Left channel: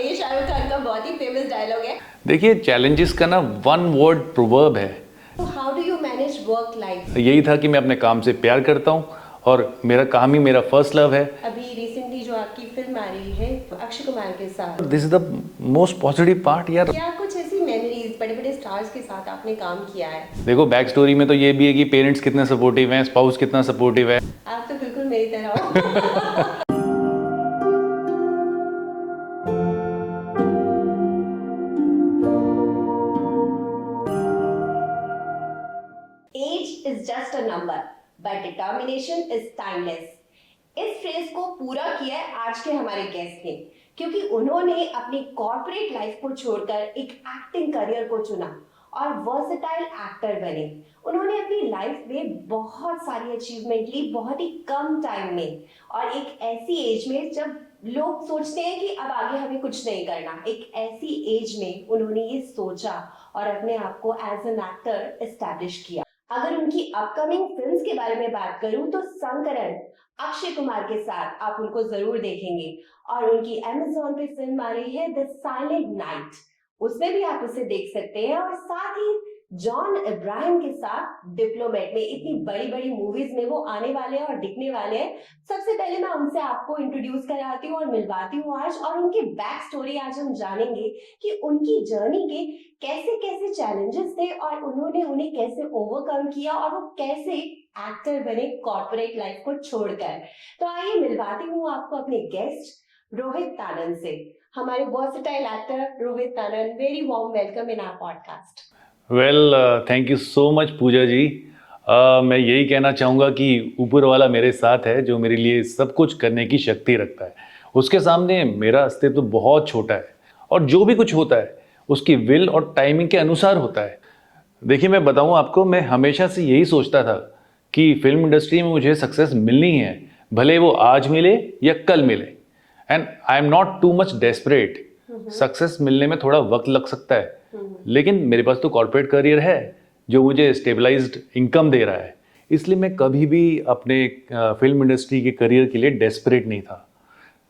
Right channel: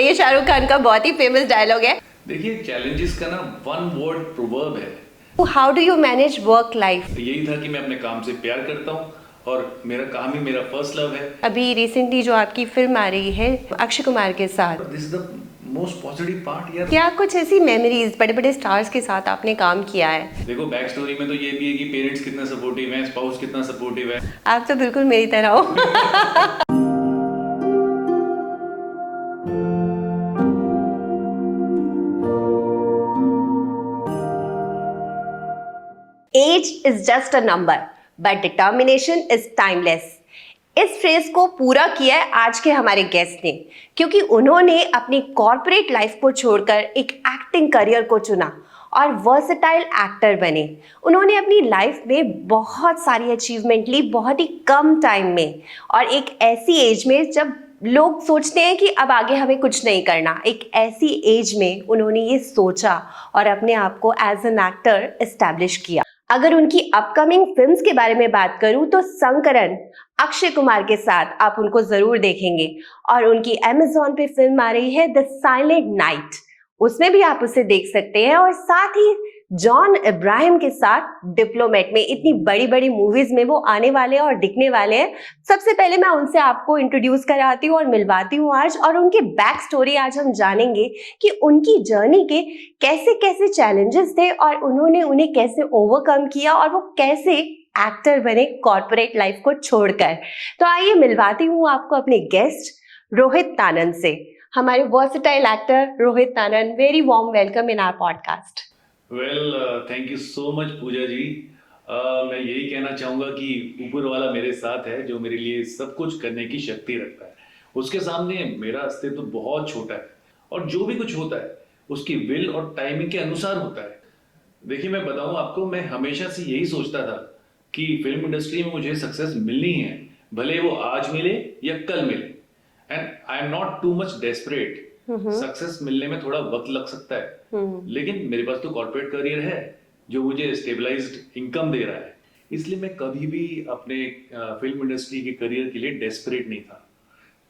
सामने, ये शाहरुख खान का बहुत ही फेमस डायलॉग है। देखिए, चैलेंजेस का ना वन वर्ड प्रोवर्ब है। How do you manage work life? यही था कि मैं अपने काम से प्यार करता हूँ और मेरा काम ही मेरा फर्स्ट लव है। अभी रिसेंटली जो आपकी फिल्म आ रही है अक्षय कुमार के साथ, this is the most positive part यार। क्या कुछ ऐसी मेमोरीज बड़े बड़े स्टार्स के साथ आपने काम किया है? देखो, बैक स्टोरी में तो ये भी है कि पेरेंट्स कितने सपोर्टिव हैं, स्पाउस कितना सपोर्टिव है। आप तो बिल्कुल मेरी तरह हो। Age is just a number but determination is timeless. इस फ्रेज को पूरा किया है आज के हमारे गेस्ट ने, क्योंकि उन्होंने अपनी कॉर्पोरेट लाइफ को छोड़कर एक एक्टिंग करियर को चुना और वर्सेटाइल एक्टर बने। उन्होंने अपनी लाइफ में बहुत सारी अचीवमेंट ली बहुत ही कम टाइम में, और एक ऐसी एज में जब लोग सोचते हैं कि अब आगे हमें कुछ नहीं करना, एक ऐसी एज में उन्होंने ये सोचा और अपने आप को एज एन एक्टर एस्टैब्लिश किया। अगर उनकी अपकमिंग फिल्म्स के बारे में बात करूं तो संकरन अक्षय कुमार के साथ आप उनको जरूर देखेंगे, और उनकी अमेज़न पे फिल्म आ रही है द साइलेंट नाइट, उसमें भी आप उसे देख सकते हैं। और साथ ही जॉन इब्राहिम के साथ डिप्लोमेट में, इतनी बड़ी बड़ी मूवीज में वो आने वाले हैं और दिखने वाले हैं। सबसे पहले मैं उनसे आपको इंट्रोड्यूस कराती हूँ और मिलवाती हूँ आज, और उनकी बैक स्टोरी आज हम जानेंगे कि उनकी जर्नी के कैसे कैसे चैलेंजेस थे और उन्होंने उन्हें कैसे ओवरकम किया, और वो कैसे एक्टर बने कॉर्पोरेट लाइफ को छोड़कर। तो आइए मिलवाती हूँ आपको अपने गेस्ट रोहित तानन से। हमारे versatile actor Rohit Tanan, very warm welcome in our podcast. Well, thank you so much Pooja ji. मैं यही कहना चाहूँगा कि ऊपर वाला मेरे साथ है जो मेरे लिए सब कुछ करने की शक्ति रखता है। उसके सामने मेरा अस्तित्व तो बहुत छोटा है, और जो भी कुछ होता है उसकी विल और टाइमिंग के अनुसार होता है। देखिए, मैं बताऊँ आपको, मैं हमेशा से यही सोचता था कि फिल्म इंडस्ट्री में मुझे सक्सेस मिलनी है, भले वो आज मिले या कल मिले। And I am not too much desperate. Success मिलने में थोड़ा वक्त लग सकता है, लेकिन मेरे पास तो कॉर्पोरेट करियर है जो मुझे स्टेबलाइज्ड इनकम दे रहा है। इसलिए मैं कभी भी अपने फिल्म इंडस्ट्री के करियर के लिए डेस्परेट नहीं था।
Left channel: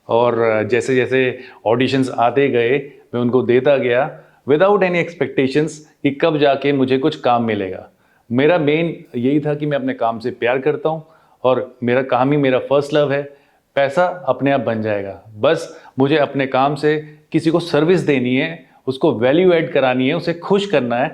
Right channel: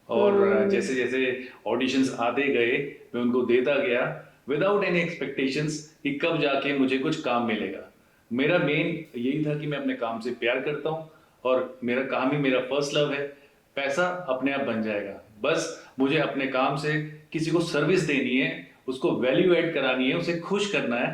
और जैसे जैसे ऑडिशंस आते गए मैं उनको देता गया विदाउट एनी एक्सपेक्टेशंस कि कब जाके मुझे कुछ काम मिलेगा। मेरा मेन यही था कि मैं अपने काम से प्यार करता हूँ और मेरा काम ही मेरा फर्स्ट लव है। पैसा अपने आप बन जाएगा, बस मुझे अपने काम से किसी को सर्विस देनी है, उसको वैल्यू ऐड करानी है, उसे खुश करना है,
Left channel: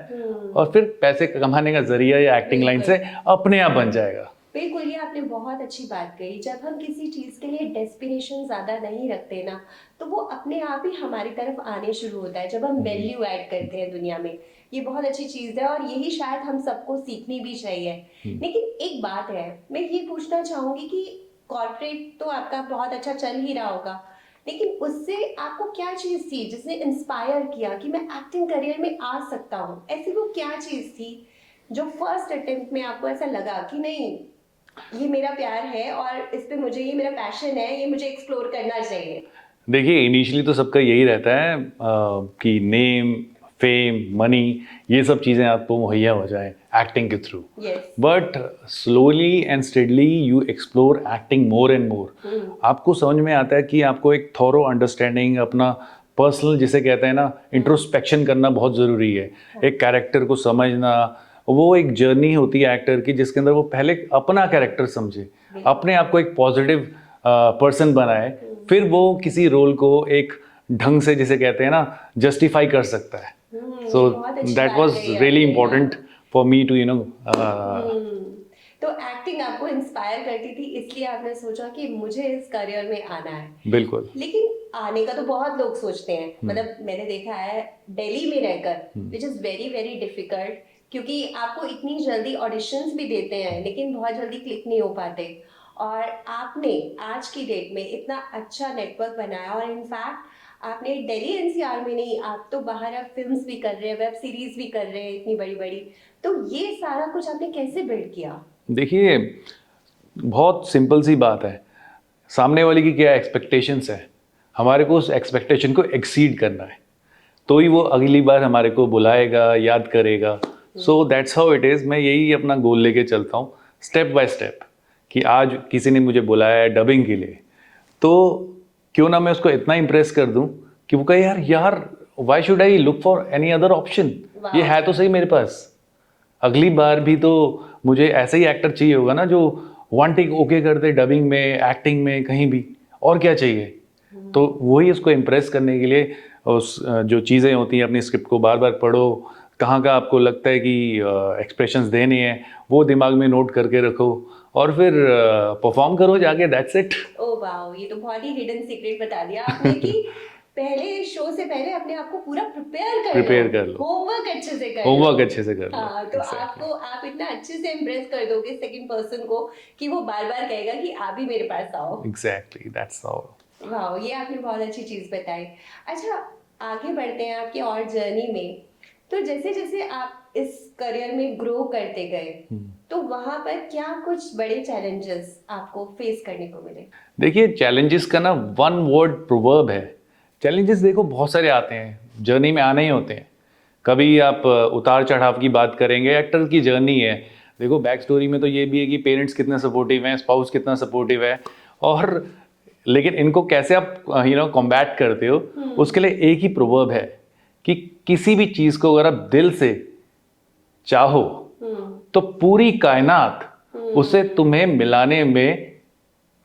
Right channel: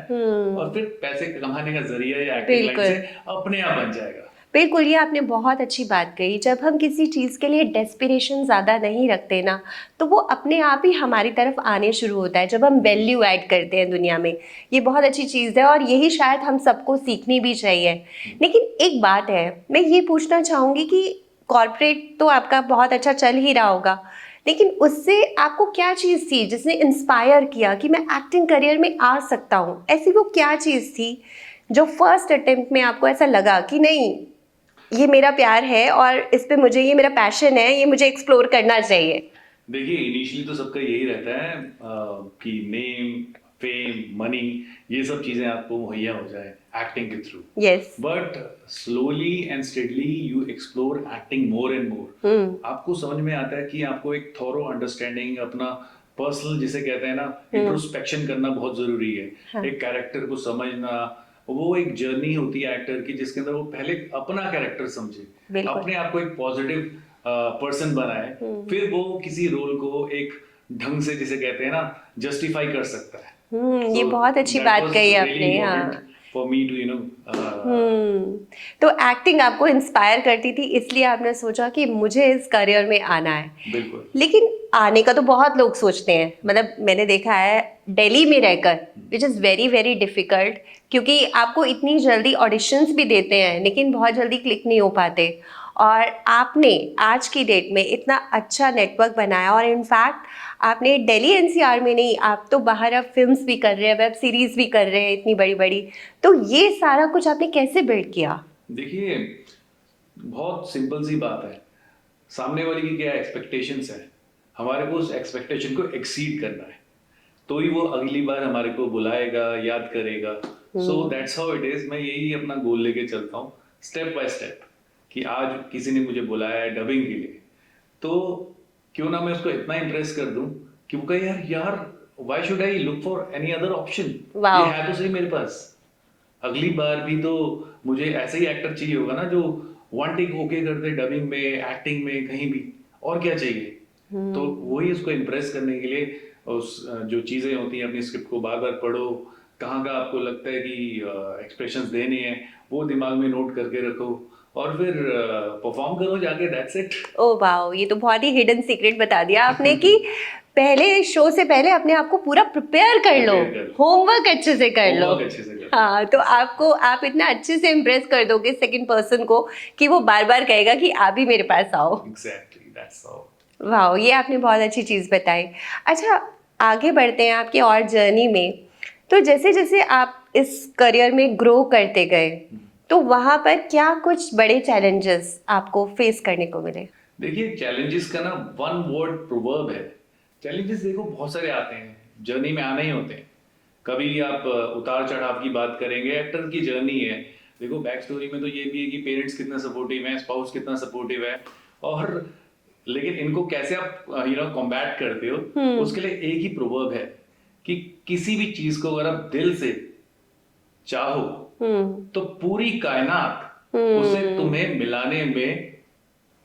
और फिर पैसे कमाने का जरिया या एक्टिंग लाइन से अपने आप बन जाएगा। बिल्कुल, ये आपने बहुत अच्छी बात कही। जब हम किसी चीज़ के लिए डेस्पिरेशन ज़्यादा नहीं रखते ना, तो वो अपने आप ही हमारी तरफ आने शुरू होता है जब हम वैल्यू ऐड करते हैं दुनिया में। ये बहुत अच्छी चीज़ है और यही शायद हम सबको सीखनी भी चाहिए। लेकिन एक बात है, मैं ये पूछना चाहूँगी कि कॉर्पोरेट तो आपका बहुत अच्छा चल ही रहा होगा, लेकिन उससे आपको क्या चीज़ थी जिसने इंस्पायर किया कि मैं एक्टिंग करियर में आ सकता हूँ? ऐसी वो क्या चीज़ थी जो फर्स्ट अटेम्प्ट में आपको ऐसा लगा कि नहीं, ये मेरा प्यार है और इस पे मुझे, ये मेरा पैशन है, ये मुझे एक्सप्लोर करना चाहिए? देखिए, इनिशियली तो सबका यही रहता है कि नेम, फेम, मनी, ये सब चीज़ें आपको मुहैया हो जाएं एक्टिंग के through. Yes. But slowly and steadily you explore acting more and more. आपको समझ में आता है कि आपको एक थॉरो अंडरस्टैंडिंग, अपना पर्सनल जिसे कहते हैं ना, इंट्रोस्पेक्शन करना बहुत ज़रूरी है। एक कैरेक्टर को समझना, वो एक जर्नी होती है एक्टर की जिसके अंदर वो पहले अपना कैरेक्टर समझे, अपने आप को एक पॉजिटिव पर्सन बनाए, फिर वो किसी रोल को एक ढंग से जिसे कहते हैं ना जस्टिफाई कर सकता है। ये बहुत अच्छी बात कही आपने। Really important for me too तो एक्टिंग आपको इंस्पायर करती थी, इसलिए आपने सोचा कि मुझे इस करियर में आना है। बिल्कुल। लेकिन आने का तो बहुत लोग सोचते हैं, मतलब मैंने देखा है दिल्ली में रहकर, which is very very difficult, क्योंकि आपको इतनी जल्दी ऑडिशंस भी देते हैं लेकिन बहुत जल्दी क्लिक नहीं हो पाते। और आपने आज की डेट में इतना अच्छा नेटवर्क बनाया, और इनफैक्ट आपने दिल्ली एनसीआर में नहीं, आप तो बाहर अब फिल्म्स भी कर रहे हैं, वेब सीरीज भी कर रहे हैं इतनी बड़ी बड़ी। तो ये सारा कुछ आपने कैसे बिल्ड किया? देखिए, बहुत सिंपल सी बात है, सामने वाले की क्या एक्सपेक्टेशंस है, हमारे को उस एक्सपेक्टेशन को एक्सीड करना है, तो ही वो अगली बार हमारे को बुलाएगा, याद करेगा। So that's how it is. मैं यही अपना गोल लेके चलता हूँ स्टेप बाय स्टेप, कि आज किसी ने मुझे बुलाया है डबिंग के लिए, तो क्यों ना मैं उसको इतना इम्प्रेस कर दूं कि वो कहे यार यार why should I look for any other option, Wow. ये है तो सही मेरे पास, अगली बार भी तो मुझे ऐसा ही एक्टर चाहिए होगा ना जो वन टेक ओके कर दे, डबिंग में, एक्टिंग में, कहीं भी, और क्या चाहिए। तो वही उसको इम्प्रेस करने के लिए उस जो चीज़ें होती हैं अपनी स्क्रिप्ट को बार बार पढ़ो, कहाँ का आपको लगता है कि एक्सप्रेशंस देने हैं वो दिमाग में नोट करके रखो और फिर परफॉर्म करो जाके, दैट्स इट। ओ वाओ, ये तो बहुत ही हिडन सीक्रेट बता दिया आपने कि पहले शो से पहले अपने आप को पूरा प्रिपेयर कर Prepare कर लो। होमवर्क अच्छे से कर लो। होमवर्क अच्छे से कर लो। हाँ, तो आपको आप इतना अच्छे से इम्प्रेस कर दोगे सेकंड पर्सन को कि वो बार बार कहेगा कि आप भी मेरे पास आओ। Exactly, that's all. वाओ, ये आपने बहुत अच्छी चीज़ बताई। अच्छा, आगे बढ़ते हैं आपकी और जर्नी में। तो जैसे जैसे आप इस करियर में ग्रो करते गए तो वहाँ पर क्या कुछ बड़े चैलेंजेस आपको फेस करने को मिले? देखिए, चैलेंजेस का ना वन वर्ड प्रोवर्ब है। चैलेंजेस देखो बहुत सारे आते हैं, जर्नी में आने ही होते हैं। कभी आप उतार चढ़ाव की बात करेंगे, एक्टर की जर्नी है, देखो बैक स्टोरी में तो ये भी है कि पेरेंट्स कितना सपोर्टिव हैं, स्पाउस कितना सपोर्टिव है, और लेकिन इनको कैसे आप कॉम्बैट करते हो, उसके लिए एक ही प्रोवर्ब है कि किसी भी चीज़ को अगर आप दिल से चाहो तो पूरी कायनात उसे तुम्हें मिलाने में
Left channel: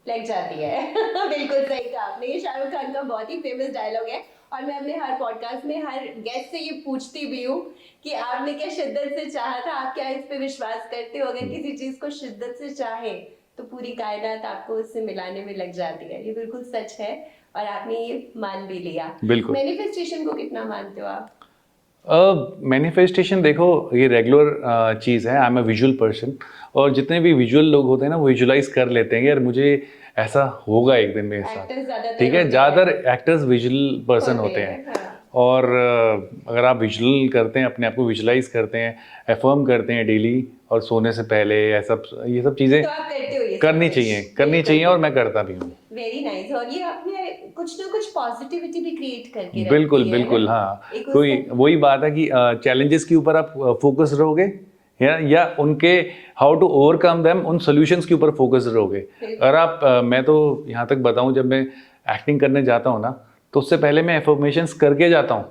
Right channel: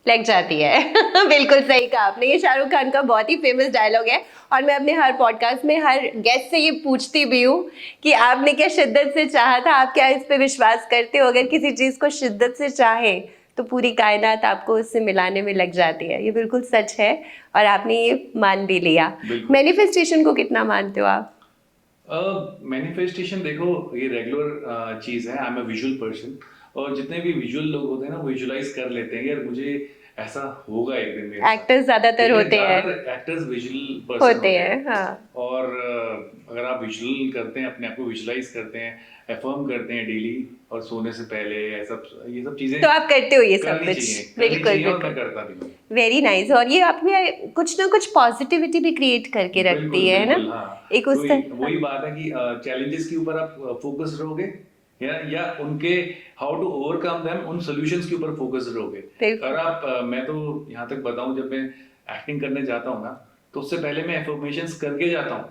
लग जाती है। बिल्कुल सही कहा आपने, ये शाहरुख खान का बहुत ही फेमस डायलॉग है और मैं अपने हर पॉडकास्ट में हर गेस्ट से ये पूछती भी हूँ कि आपने क्या शिद्दत से चाहा था, आप क्या इस पे विश्वास करते हो? अगर किसी चीज़ को शिद्दत से चाहे तो पूरी कायनात आपको उससे मिलाने में लग जाती है। ये बिल्कुल सच है और आपने ये मान भी लिया। बिल्कुल। मैनिफेस्टेशन को कितना मानते हो आप? मैनिफेस्टेशन देखो ये रेगुलर चीज़ है, I am a visual person, और जितने भी विजुअल लोग होते हैं ना वो विजुलाइज कर लेते हैं कि यार मुझे ऐसा होगा एक दिन मेरे साथ। एक्टर्स ज्यादातर ठीक है, होते हैं। ज़्यादातर एक्टर्स विजुअल पर्सन होते हैं। हाँ। और अगर आप विजुअल करते हैं, अपने आप को विजुलाइज करते हैं, एफर्म करते हैं डेली और सोने से पहले, ये सब चीज़ें तो आप करते हो ये सब करनी कुछ? चाहिए, बिल्कुल, और मैं करता भी हूँ। Very nice. और ये आप में कुछ ना कुछ पॉजिटिविटी भी क्रिएट करके बिल्कुल रखती है बिल्कुल, ना? हाँ। एक उस तो वही बात है कि चैलेंजेस के ऊपर आप फोकस रहोगे, या उनके हाउ टू ओवरकम देम, उन सॉल्यूशंस के ऊपर फोकस रहोगे। बिल्कुल। और आप मैं तो यहाँ तक बताऊं, जब मैं एक्टिंग करने जाता हूँ ना तो उससे पहले मैं एफर्मेशंस करके जाता हूँ।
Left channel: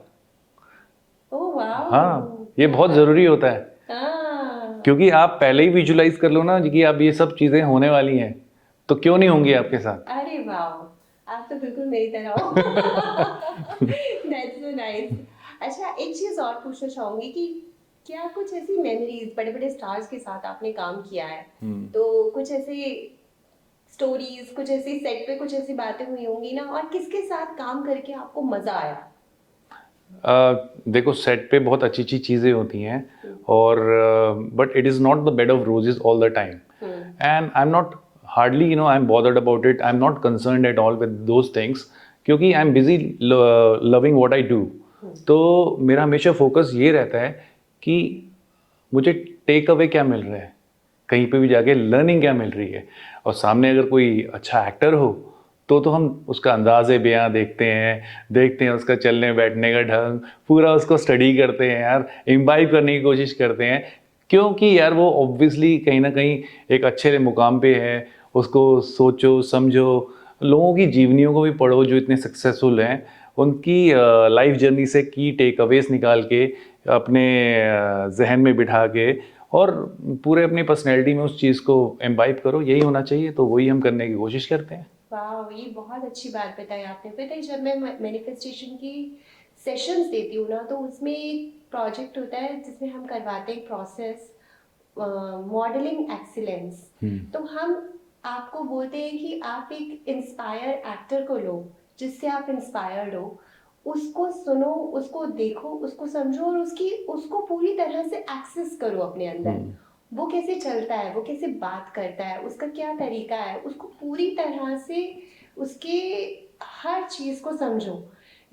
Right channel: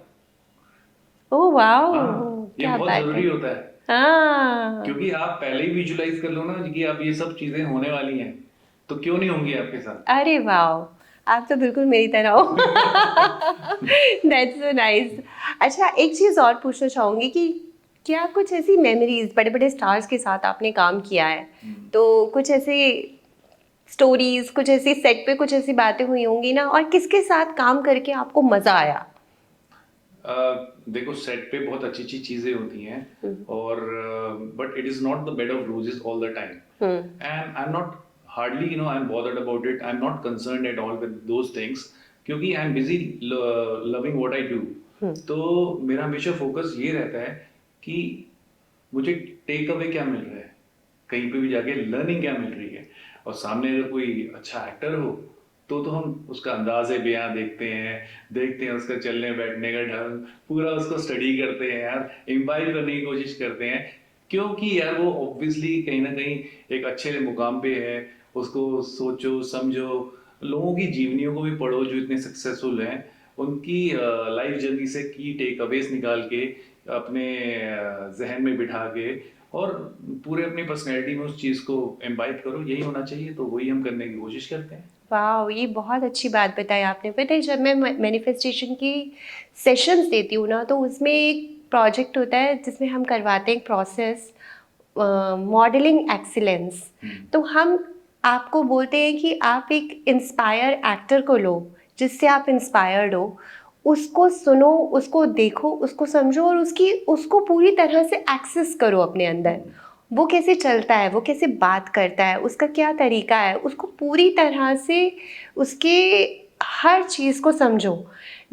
ओह वाओ, हाँ, ये क्या बहुत बात जरूरी है। होता है, हाँ, क्योंकि आप पहले ही विजुलाइज कर लो ना कि अब ये सब चीजें होने वाली हैं, तो क्यों नहीं होंगी आपके साथ। अरे वाओ, आप तो बिल्कुल मेरी तरह हो। That's so nice. अच्छा, एक चीज और पूछना चाहूंगी कि क्या कुछ ऐसी मेमोरीज बड़े बड़े स्टार्स के साथ आपने काम किया है, तो कुछ ऐसे स्टोरीज, कुछ ऐसी सेट पे कुछ ऐसी बातें हुई होंगी ना, और किसके साथ काम करके आपको मजा आया? देखो सेट पे बहुत अच्छी अच्छी चीज़ें होती हैं, और but it is not the bed of roses all the time, and I am not hardly I am bothered about it, I am not concerned at all with those things, क्योंकि I am busy loving what I do. तो मेरा हमेशा focus ये रहता है कि मुझे take away क्या मिल रहा है, कहीं पे भी जाके लर्निंग क्या मिल रही है, और सामने अगर कोई अच्छा एक्टर हो तो हम उसका अंदाज़े बयां देखते हैं उसका चलने बैठने का ढंग, पूरा उसको स्टडी करते हैं यार, इम्बाइब करने की कोशिश करते हैं, क्योंकि यार वो ऑब्वियसली कहीं ना कहीं एक अच्छे मुकाम पे है। उसको सोचो समझो, लोगों की जीवनियों को भी पढ़ो जो इतने सक्सेसफुल हैं, उनकी लाइफ जर्नी से की टेक अवेज निकाल के अपने जहन में बिठा के, और पूरे अपनी पर्सनैलिटी में उस चीज़ को एम्बाइब करो, यही होना चाहिए। तो वही हम करने की कोशिश करते हैं। वाह, ये बहुत अच्छी बात बताई आपने। पता है, जब मैं मैनिफेस्टेशन की सेशंस देती हूँ ना, तो उसमें एक प्रोजेक्ट होता है जिसमें हम करवाते हैं एक प्रोसेस, मॉडलिंग एक्सीलेंस। तो हम आपको बोलते हैं कि आप एक इंस्पायर एक्टर को लो जिससे आप इंस्पायर्ड हो, उसको सुनो, उसको देखो, उसको समझो और उसको पूरी तरह से एक्सेस करो अपने अंदर। वो कैसे चलता है, वो कैसे बात करता है, उसका क्या तरीका है, उसको पूरी तरह से उसके हर चीज़ को समझो।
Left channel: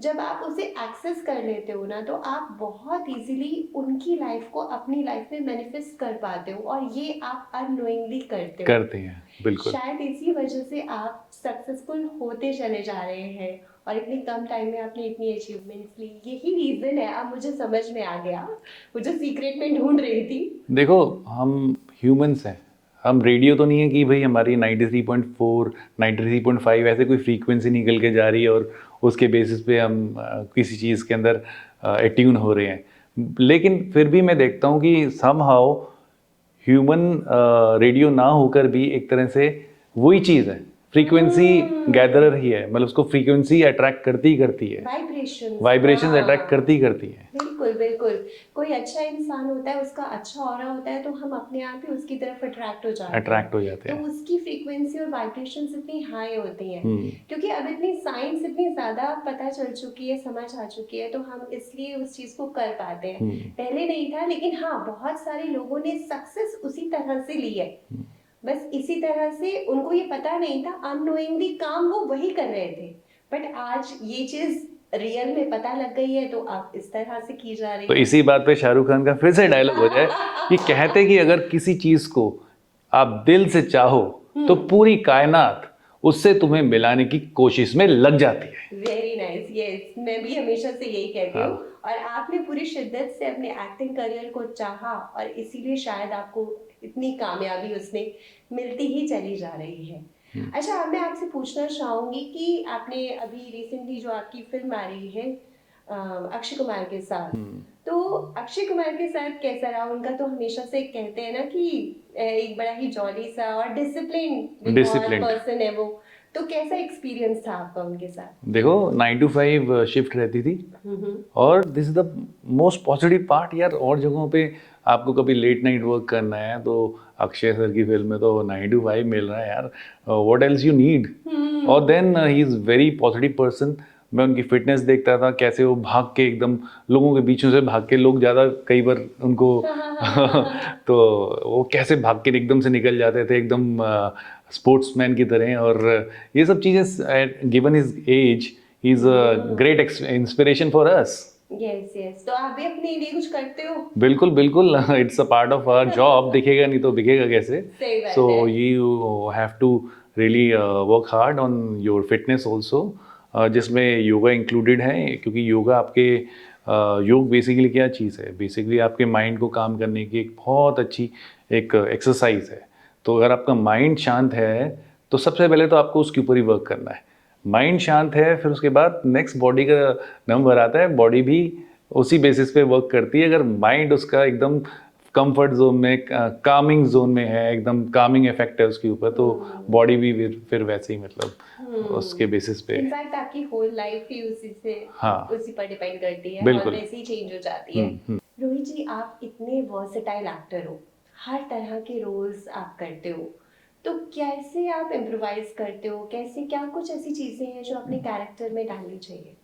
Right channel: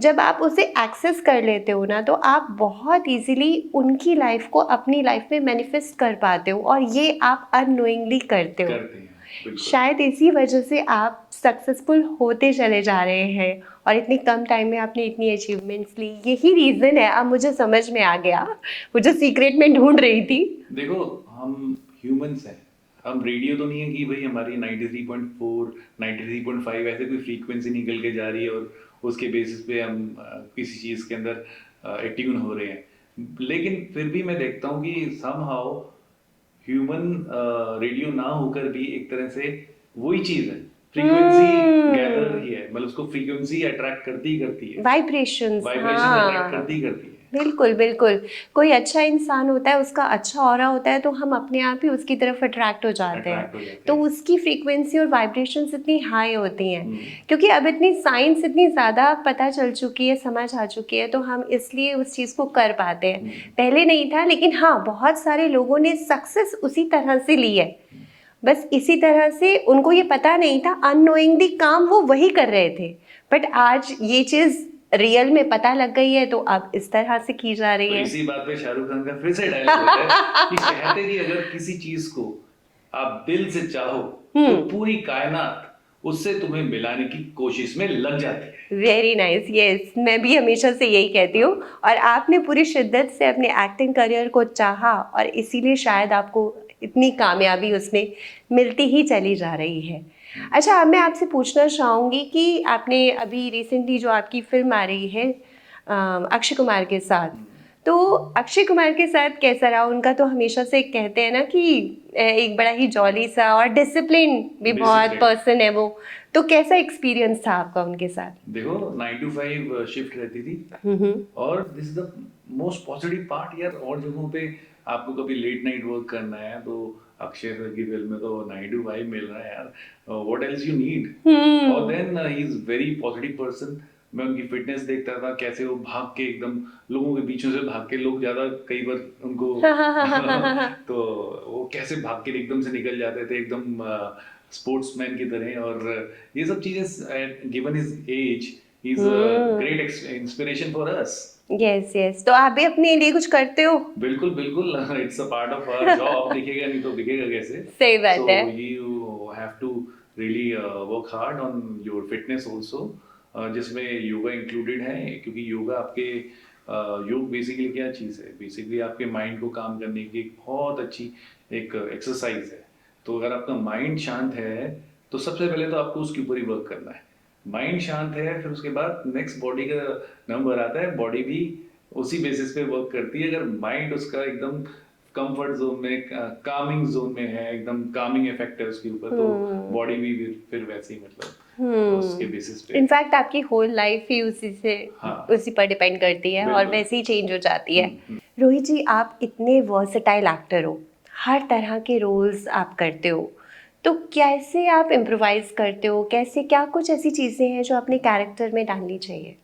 जब आप उसे एक्सेस कर लेते हो ना, तो आप बहुत इजीली उनकी लाइफ को अपनी लाइफ में मैनिफेस्ट कर पाते हो, और ये आप अननोइंगली करते हो। करते हैं, बिल्कुल। शायद इसी वजह से आप सक्सेसफुल होते चले जा रहे हैं और इतनी कम टाइम में आपने इतनी अचीवमेंट्स ली। यही रीज़न है, अब मुझे समझ में आ गया, वो जो सीक्रेट में ढूंढ रही थी। देखो हम ह्यूमंस हैं, हम रेडियो तो नहीं है कि भाई हमारी 93.4 93.5 ऐसे कोई फ्रीक्वेंसी निकल के जा रही है और उसके बेसिस पे हम किसी चीज़ के अंदर एट्यून हो रहे हैं। लेकिन फिर भी मैं देखता हूँ कि समहाउ ह्यूमन रेडियो ना होकर भी एक तरह से वही चीज़ है, फ्रीक्वेंसी गैदरर ही है, मतलब उसको फ्रीक्वेंसी अट्रैक्ट करती ही करती है, वाइब्रेशंस, वाइब्रेशन अट्रैक्ट हाँ करती ही करती है। बिल्कुल बिल्कुल। कोई अच्छा इंसान होता है, उसका अच्छा ऑरा होता है, तो हम अपने आप ही उसकी तरफ अट्रैक्ट हो जाते अट्रैक्ट हो हैं। जाते तो हैं। उसकी फ्रीक्वेंसी और वाइब्रेशंस इतनी हाई होती हैं हम्म, क्योंकि अब इतनी साइंस इतनी ज़्यादा पता चल चुकी है, समझ आ चुकी है, तो हम इसलिए उस चीज़ को कर पाते हैं। पहले नहीं था, लेकिन हाँ बहुत सारे लोगों ने सक्सेस उसी तरह से ली है। बस इसी तरह से उनको ये पता नहीं था, अननोइंगली काम वो वही कर रहे थे, बट आज ये चीज़ रियल में पता लग गई है, तो अब इस तरह से की जा तो रही है। इसी बात पे शाहरुख खान का फिर से डायलॉग हो जाए कि कहते कि अगर किसी चीज को आप दिल से चाहो तो पूरी कायनात उससे तुम्हें मिलाने की कोशिश में लग जाती है। वेरी नाइस, यस, मैं भी हमेशा से यही कहती हूँ। और आपने पूरी शिद्दत से अपने एक्टिंग करियर को चाहा और इसीलिए शायद आपको इतनी कामयाबी उसमें मिलती ही चली जा रही है। अच्छा, अब मैं आपसे पूछना चाहूँगी कि आपने अभी रिसेंटली जो आपकी फिल्म आ रही है अक्षय कुमार के साथ, तो अक्षय कुमार के साथ कैसा रहा? उनका तो हमेशा से कहते हैं ना कि एक बड़ा ही जॉली सा और डिसिप्लिन भी बहुत डिसिप्लिन, पर्सन है वो, तो कैसा एक्सपीरियंस था आपका उनके साथ? देखो 9 to 5 शिफ्ट रहती थी और this is the most positive part यार। और जगहों पे आपको कभी लेट नाइट वर्क करना है तो अक्षय सर की फिल्म में तो 9 to 5 मिल रहा है यार, व्हाट एल्स यू नीड। और then he is very positive person. मैं उनकी फिटनेस देखता था, कैसे वो भाग के एकदम लोगों के बीचों से भाग के, लोग ज़्यादा कई बार उनको तो वो कैसे भाग के एकदम से निकल जाते थे एकदम स्पोर्ट्समैन की तरह। और ये सब चीज़ें given his age is a great inspiration for us. Yes yes, तो आप भी अपने लिए कुछ करते हो? बिल्कुल बिल्कुल, it's a part of our job, दिखेगा नहीं तो बिकेगा कैसे। सही बात सो है। You have to really work hard on your fitness also, जिसमें योगा इंक्लूडेड है। क्योंकि योगा आपके योग बेसिकली क्या चीज़ है, बेसिकली आपके माइंड को काम करने की एक बहुत अच्छी एक एक्सरसाइज है। तो अगर आपका माइंड शांत है तो सबसे पहले तो आपको उसके ऊपर ही वर्क करना है। माइंड शांत है, फिर उसके बाद नेक्स्ट बॉडी का नंबर आता है। बॉडी भी उसी बेसिस पे वर्क करती है। अगर माइंड उसका एकदम कंफर्ट जोन में, कामिंग जोन में है, एकदम कामिंग इफेक्ट है उसके ऊपर, तो बॉडी भी फिर वैसे ही मतलब उसके बेसिस पे। इनफैक्ट आपकी होल लाइफ ही हाँ उसी पर डिपेंड करती है और बिल्कुल। वैसे ही चेंज हो जाती है। रोहित जी, आप इतने वर्सेटाइल एक्टर हो, हर तरह के रोल्स आप करते हो, तो कैसे आप इम्प्रोवाइज करते हो? कैसे, क्या कुछ ऐसी चीज़ें हैं जो अपने कैरेक्टर में डालनी चाहिए?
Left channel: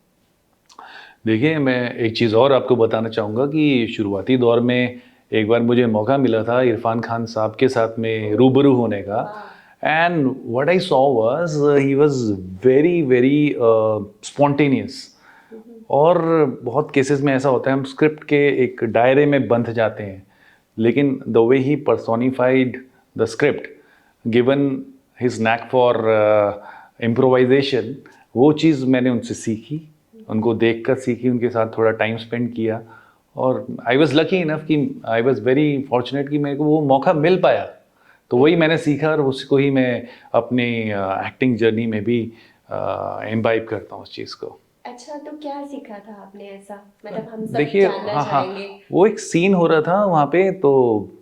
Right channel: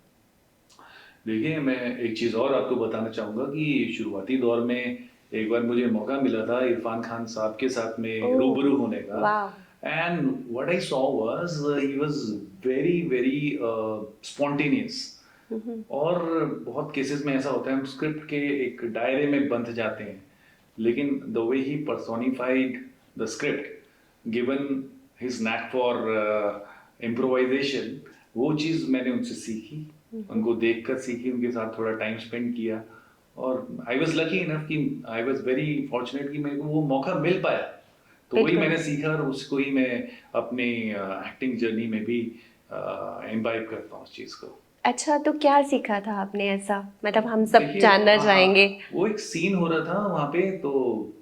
देखिए, मैं एक चीज़ और आपको बताना चाहूँगा कि शुरुआती दौर में एक बार मुझे मौका मिला था इरफान खान साहब के साथ में रूबरू होने का। वाह। And what I saw was he was very very spontaneous. और बहुत केसेस में ऐसा होता है, हम स्क्रिप्ट के एक दायरे में बंध जाते हैं, लेकिन the way he personified the script, given his knack for improvisation, वो चीज़ मैंने उनसे सीखी, उनको देखकर सीखी, उनके साथ थोड़ा टाइम स्पेंड किया। और आई वॉज लकी इनफ कि आई वॉज वेरी फॉर्चुनेट कि मेरे को वो मौका मिल पाया। तो वही मैंने सीखा और उसको ही मैं अपनी एक्टिंग जर्नी में भी इम्बाइब करता हूँ उस चीज़ को। अच्छा, तो क्या सीखा था आपने ऐसा, मतलब हम सब देखिए, जानना हाँ हाँ, चाहेंगे। वो एक सीन हो रहा था वहाँ पे, तो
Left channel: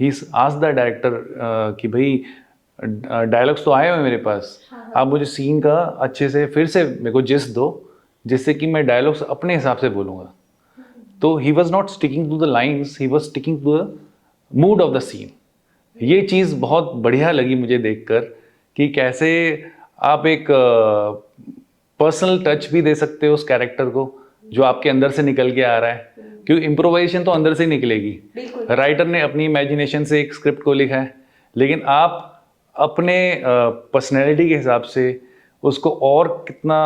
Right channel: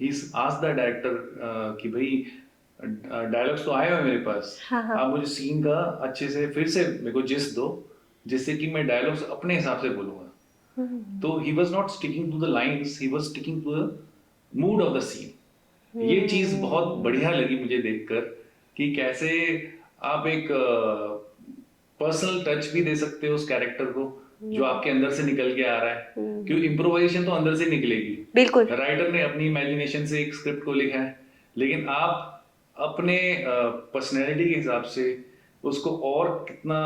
ही आस्क्ड द डायरेक्टर कि भाई डायलॉग्स तो आए हुए हैं मेरे पास, आप मुझे सीन का अच्छे से फिर से मेरे को जिस्ट दो, जिससे कि मैं डायलॉग्स अपने हिसाब से बोलूँगा। तो he was not sticking to the lines, he was sticking to the mood of the scene. ये चीज़ बहुत बढ़िया लगी मुझे देखकर कि कैसे आप एक पर्सनल टच भी दे सकते हो उस कैरेक्टर को जो आपके अंदर से निकल के आ रहा है। क्योंकि इम्प्रोवाइजेशन तो अंदर से निकलेगी। बिल्कुल। राइटर ने अपनी इमेजिनेशन से एक स्क्रिप्ट को लिखा है, लेकिन आप अपने पर्सनैलिटी के हिसाब से उसको और कितना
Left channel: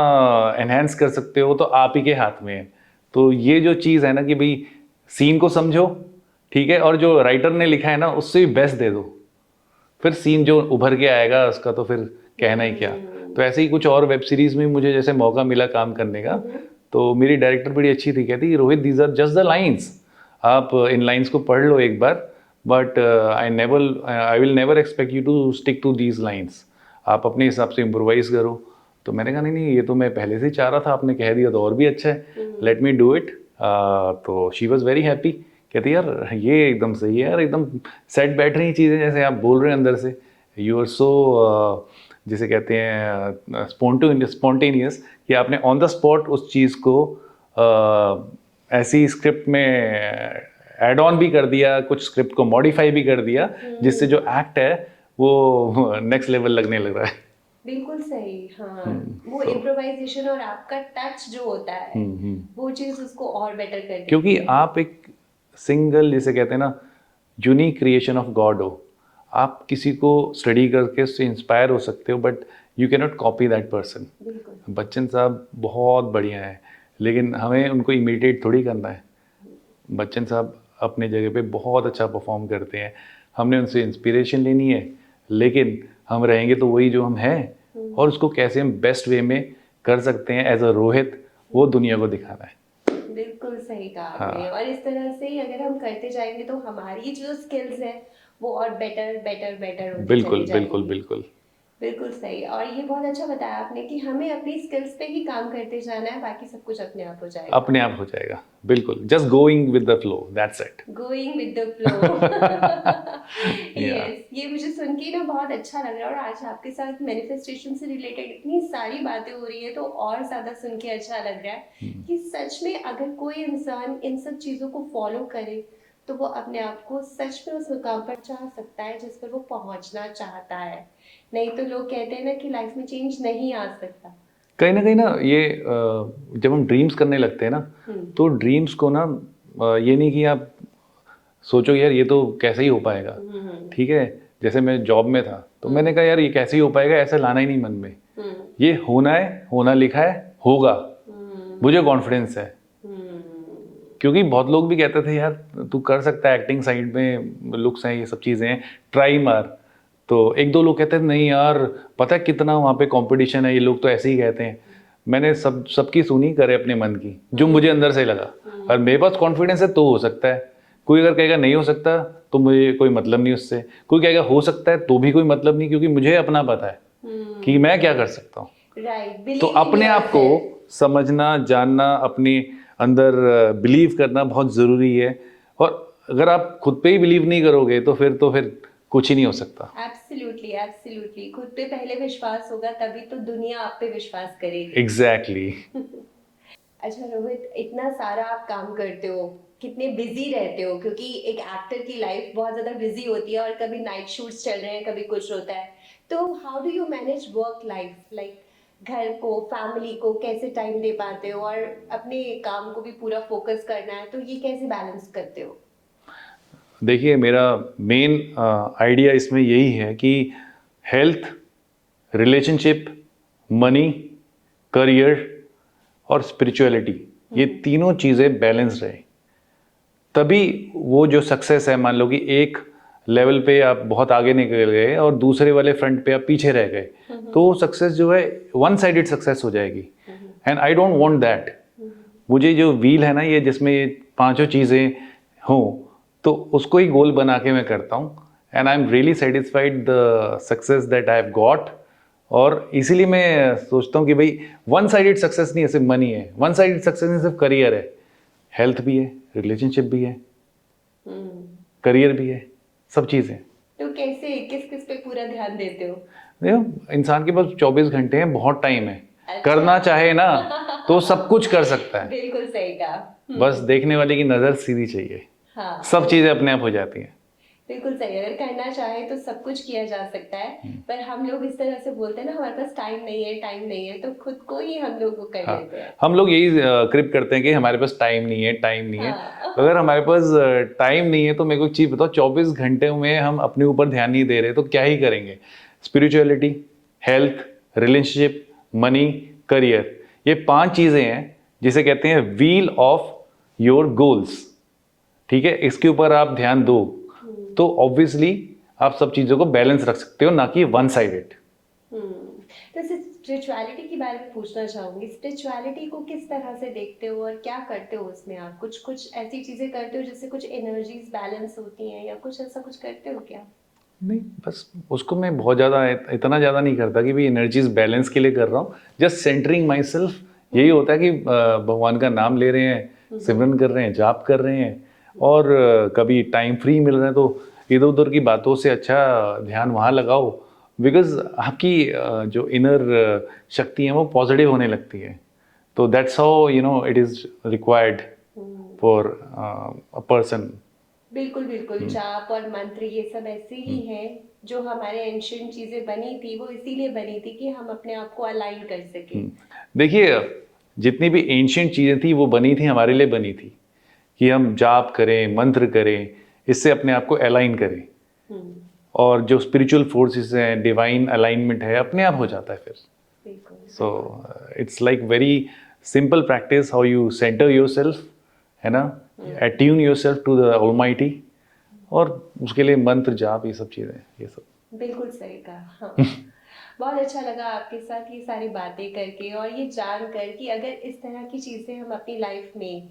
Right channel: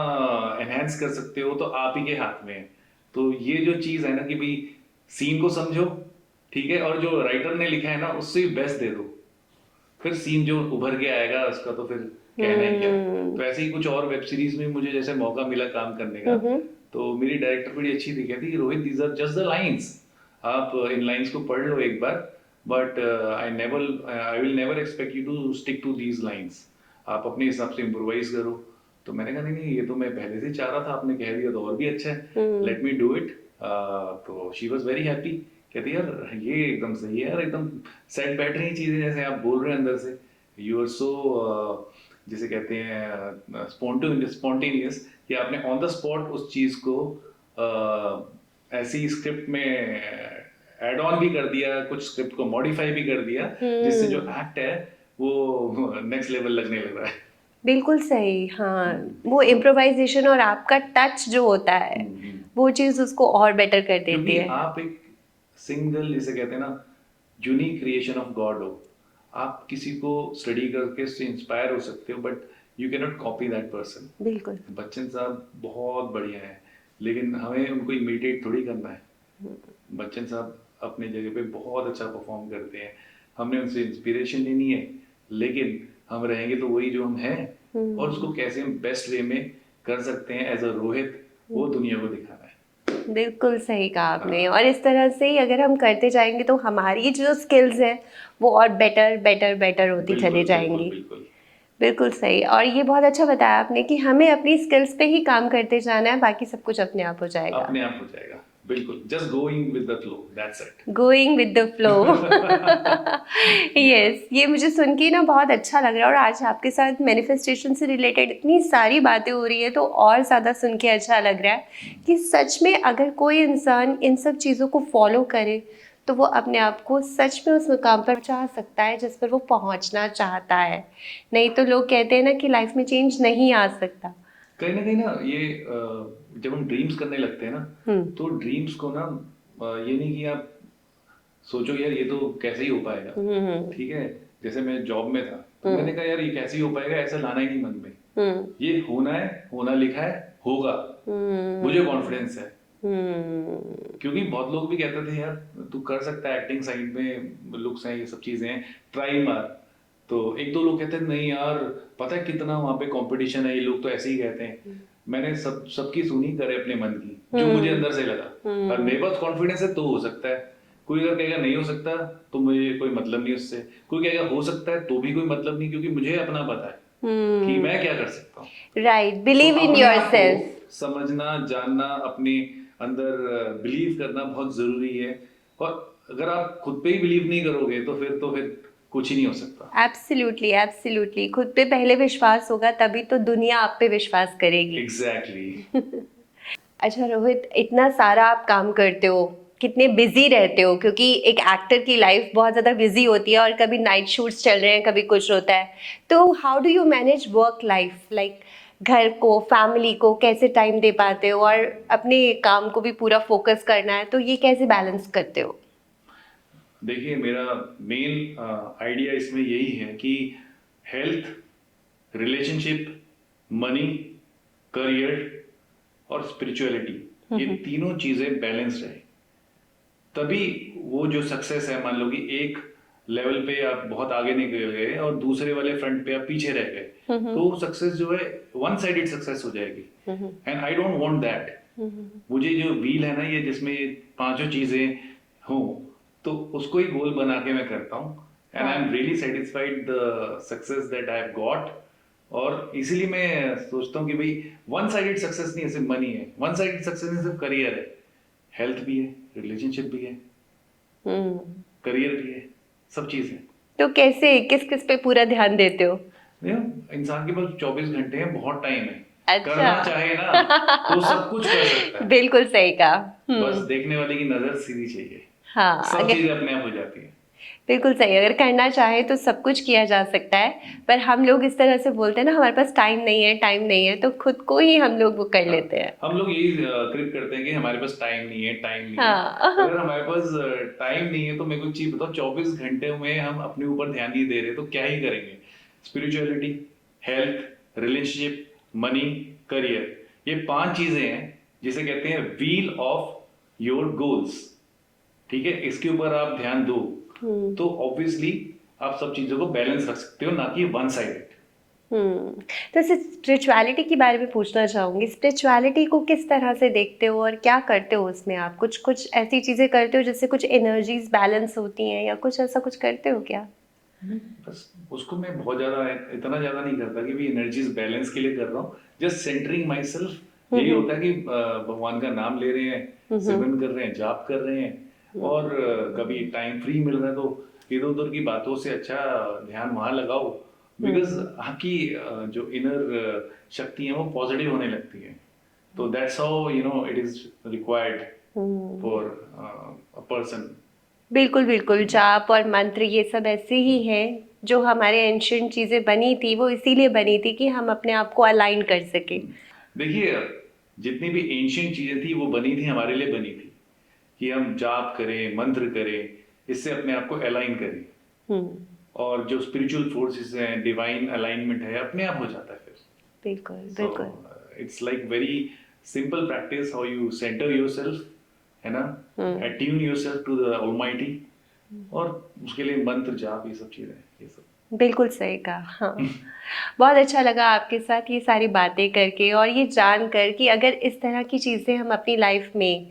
एनहेंस कर सकते हो, तो आप ही के हाथ में है। तो ये जो चीज़ है ना कि भाई सीन को समझो, ठीक है, और जो राइटर ने लिखा है ना उससे भी बेस्ट दे दो, फिर सीन जो उभर के आएगा उसका तो फिर कहना ही क्या। तो ऐसे ही कुछ और वेब सीरीज में मुझे जैसे मौका मिला काम करने का, तो मेरी डायरेक्टर बड़ी अच्छी थी, कहती Rohit these are just the lines, आप इन लाइन्स को पढ़ लो एक बार, but I will never expect you to stick to these lines, आप अपने हिसाब से इम्प्रोवाइज करो। तो मैंने कहा नहीं नहीं, ये तो मैं पहले से ही चाह रहा था, आपने कह दिया तो और भी अच्छा है, लेट मी डू इट। तो शी वॉज वेरी हैप्पी, कहती यार ये एकदम सही है यार, एकदम सेट बैठ रही चीज़ें जैसे आप बोल रहे हैं अंदर से, यू आर सो जिसे कहते हैं स्पॉन्टेनियस, कि आपने ऑन द स्पॉट उस चीज़ को ऐसी स्क्रिप्ट में ऐड ऑन भी कर दिया, कुछ स्क्रिप्ट को मॉडिफाई भी कर दिया, जिससे जो एक्ट है वो नेक्स्ट लेवल लगने लग रहा है। बिल्कुल सही, हाँ। वो इम्प्रोवाइजेशन और आपका टच जो होता है वो चीज़ उसको और बेटर कर देती क्योंकि है। आप एक सिंगल, जिसे कहते हैं ना, यूनिक क्रिएशन ऑफ गॉड हो। आप किसी को स्टडी करके उससे इंस्पायर हो सकते हो, but you can not copy that person. बिल्कुल। बच्चन साहब बहुत बढ़िया हैं, लेकिन हमें उनको इमिटेट थोड़ी करना है। बच्चन साहब अपनी जगह पे बहुत अच्छा परफॉर्म करते हैं, हमने उनसे इंस्पिरेशन लेनी है, लेकिन हम रहेंगे तो वही जो हम हैं, और उसको कैसे हम बेस्ट वे में कर सकते हैं एज अ रोहित, वो दुनिया को दिखाना है। बिल्कुल सही कहा आपने। हाँ। और इस तरह से ही अगर हम करते जाएंगे तो हमारी जो स्किल्स हैं वो और बेटर बेटर बेटर होती चली बिल्कुल बिल्कुल जाएंगी। बिल्कुल। बिल्कुल सही। और ये बहुत अच्छा बताया आपने कि हमें अपनी स्किल्स पे ही काम करते जाना है, बाकी सब कुछ अपने आप हो जाएगा। अपने आप हो जाएगा, बिल्कुल, just going with the flow, that's it. Going with the flow. Yes, ये मुझे सुन के ना बहुत अच्छा लग रहा है। और आज आपके साथ मैनिफेस्टेशन से रिलेटेड इतनी सारी बातें हो रही है तो और ज़्यादा सुन के अच्छा लग रहा है कि सच में अगर कोई इंसान इन सब चीज़ों को फॉलो करे तो वो अपने आप को सच में उस मुकाम पर पहुंचा सकता है जिस पर वो पहुंचना चाहता है। नहीं तो लोग कहते हैं ना कि लाइफ में चेंज नहीं आ सकता। कहीं ना ये जब हम ड्रीम्स करने लगते हैं ना, तो ड्रीम्स को ना ये नहीं कि आप सोचो यार ये तो कैसे ही हो पाएगा, ठीक है। जैसे मैं जॉब में था तो मैंने कहा यार ये कैसे ही हो पाएगा, ऐसे लाना ही नहीं मन में, ये होना है, होना लिखा है, होगा, मुझे कॉन्फिडेंस है। क्योंकि बहुत लोग भी कहते थे यार तू कर सकता है, एक्टिंग साइड में लुक्स हैं, ये सब चीज़ें हैं, ट्राई मार। तो एक दो लोग कहते थे नहीं यार पता है कितना वहाँ पे कंपटीशन है, ये लोग तो ऐसे ही कहते हैं। मैंने सबकी सुनी, करे अपने मन की, जो मुझे अंदर से लगा, और मेरे पास कॉन्फिडेंस है तो हो सकता है। कोई अगर कहेगा नहीं हो सकता तो मुझे कोई मतलब नहीं उससे, कोई कहेगा हो सकता है तो भी कोई मतलब नहीं, क्योंकि मुझे अपना पता है कि मैं क्या कर सकता हूँ। राइट, तो बिलीव इन अपने आप को योरसेल्फ। समझना, जानना, अपने अंदर बिलीव करना बहुत ज़रूरी है। और अगर आप खुद पे ही बिलीव नहीं करोगे तो फिर कुछ ही नहीं हो सकता। एब्सोल्युटली एब्सोल्युटली, खुद पे पहले विश्वास होगा तभी तो दुनिया आप पे विश्वास करेगी। एग्जैक्टली। अच्छा रोहित, इतना सारा आप काम करते हो, कितने बिजी रहते हो, क्योंकि एक एक्टर की लाइफ बहुत ज़्यादा बिजी होती है और कभी नाइट शूट्स चल रहे हैं, कभी कुछ होता है। तो how do you manage work life, like घर को, फैमिली को कैसे टाइम दे पाते हो और अपने काम को भी पूरा फोकस करना है, तो ये कैसे बैलेंस करते हो? देखिए मेरा मेन आइडिया इसमें यही है कि हेल्थ, रिलेशनशिप, मनी, करियर और स्पिरिचुअलिटी, ये तीनों चीज़ें बैलेंस रहे, तभी वो जो सक्सेस है, मान लो कि एक लेवल पे आप बहुत आगे निकल गए और दूसरे वाले फ्रंट पे आप पीछे रह गए, तो वो सक्सेस जो है वन साइडेड सक्सेस हो जाएगी, and I don't want that. मुझे जो व्हील है ना ये, जिसमें ये पांचों चीज़ें हों, तो उसको ही गोल बना के मैं करता हूँ, and I am really satisfied the success that I have got. और इसीलिए मैं सोचता हूँ कि भाई वन साइडेड सक्सेस नहीं है सिर्फ मनी है, वन साइडेड सक्सेस नहीं सिर्फ करियर है, हेल्थ भी है, रिलेशनशिप भी है, करियर भी है, सब चीज़ें। तो कैसे, किस किस पे पूरा ध्यान देते हो? देखो इंसान के पास 24 घंटे हैं, बहुत टाइम है। अच्छा। करना चाहे ना तो सब कुछ कर सकता है, बिल्कुल सही कहा। बस देखने वाले की नज़र सीधी चाहिए, हाँ, सब चीज़ें अपने आप हो जाती हैं। बिल्कुल सही। अगर करना चाहे तो सब कुछ किया जा सकता है, पर हम लोग इस तरह से बोलते हैं ना, हमारे पास टाइम नहीं है, टाइम नहीं है, तो खुद को ही हम लोग वो कर हाँ, लेते हैं। हम लोग यही क्रिप करते हैं कि हमारे पास टाइम नहीं है, टाइम नहीं है। हाँ। अगर हमारे पास टाइम नहीं है तो मेरे को एक चीज़ बताओ, 24 घंटे में हम अपने ऊपर ध्यान नहीं दे रहे तो क्या ही करेंगे। Spirituality, health, relationship, money, career, ये 5 चीज़ें हैं जिसे कहते हैं व्हील ऑफ योर गोल्स, ठीक है। इसके ऊपर आप ध्यान दो तो ऑब्वियसली आप सब चीज़ों को बैलेंस रख सकते हो, ना कि वन साइडेड। तो स्पिरिचुअलिटी के बारे में पूछना चाहूंगी। स्पिरिचुअलिटी को किस तरह से देखते हो और क्या करते हो उसमें? आप कुछ कुछ ऐसी चीजें करते हो जिससे कुछ एनर्जीज बैलेंस होती हैं, या कुछ ऐसा कुछ करते हो क्या? नहीं, बस उसको मैं बहुत ज़्यादा इतना ज़्यादा नहीं करता कि भाई एनर्जीज बैलेंस के लिए कर रहा हूँ, जस्ट सेंटरिंग माई सेल्फ। यही होता है कि भगवान का नाम ले रहे हैं, सिमरन कर रहे हैं, जाप कर रहे हैं, और कभी टाइम फ्री मिल रहा है तो इधर उधर की बातों से अच्छा ध्यान वहाँ लगाओ, बिकॉज आपकी जो इनर शक्ति है वो पॉजिटिव होने लगती है। तो that's how it is required for a person. बिल्कुल बिल्कुल, जाप और मंत्र ये सब ऐसे ही हैं जो हमारे एंशियंट चीज़ें बनी थी, वो इसीलिए बनी थी कि हम अपने आप को अलाइन कर सकें। देखिए, जितनी भी एंशियंट चीज़ें थी वो बनी थी, हमारे लिए बनी थी कि हम जाप करें, मंत्र करें, इससे अपने आप को अलाइन करें, हम्म, और जो स्पिरिचुअल फोर्सेस हैं, डिवाइन अलाइनमेंट है, अपने आप हो जाता है फिर। बिल्कुल सो बिल्कुल। It's like very simple practice, how you centre yourself, है ना, attune yourself to the almighty, और उसके लिए मंत्र जाप ये सब चीज़ें, ये सब। बिल्कुल सही कहा, हाँ। बहुत अच्छा लगा आपके साथ ये सारी बातें करके और ये जान कर कि अगर इस तरह की चीज़ें हम अपनी लाइफ में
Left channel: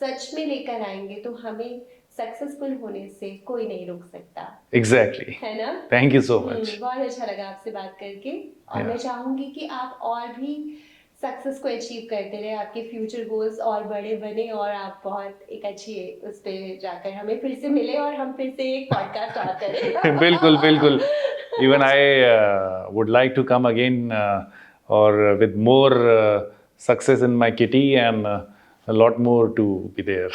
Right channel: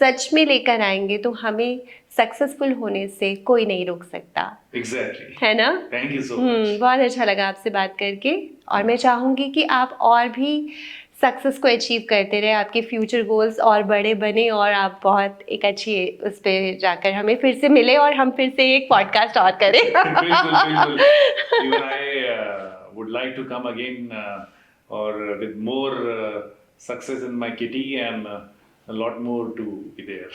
सच में लेकर आएंगे तो हमें सक्सेसफुल होने से कोई नहीं रोक सकता, एग्जैक्टली। है ना। Thank you so much. बहुत अच्छा लगा आपसे बात करके, और Yeah. मैं चाहूँगी कि आप और भी सक्सेस को अचीव करते रहे, आपके फ्यूचर गोल्स और बड़े बने और आप बहुत एक अच्छी उस पे जाकर हमें फिर से मिले और हम फिर से एक पॉडकास्ट और करें। बिल्कुल बिल्कुल। Even I would like to come again, और with more success in my kitty, and a lot more to be there.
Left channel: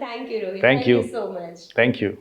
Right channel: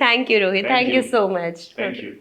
Thank you Rohit, Thank thank you you. So much. Thank you.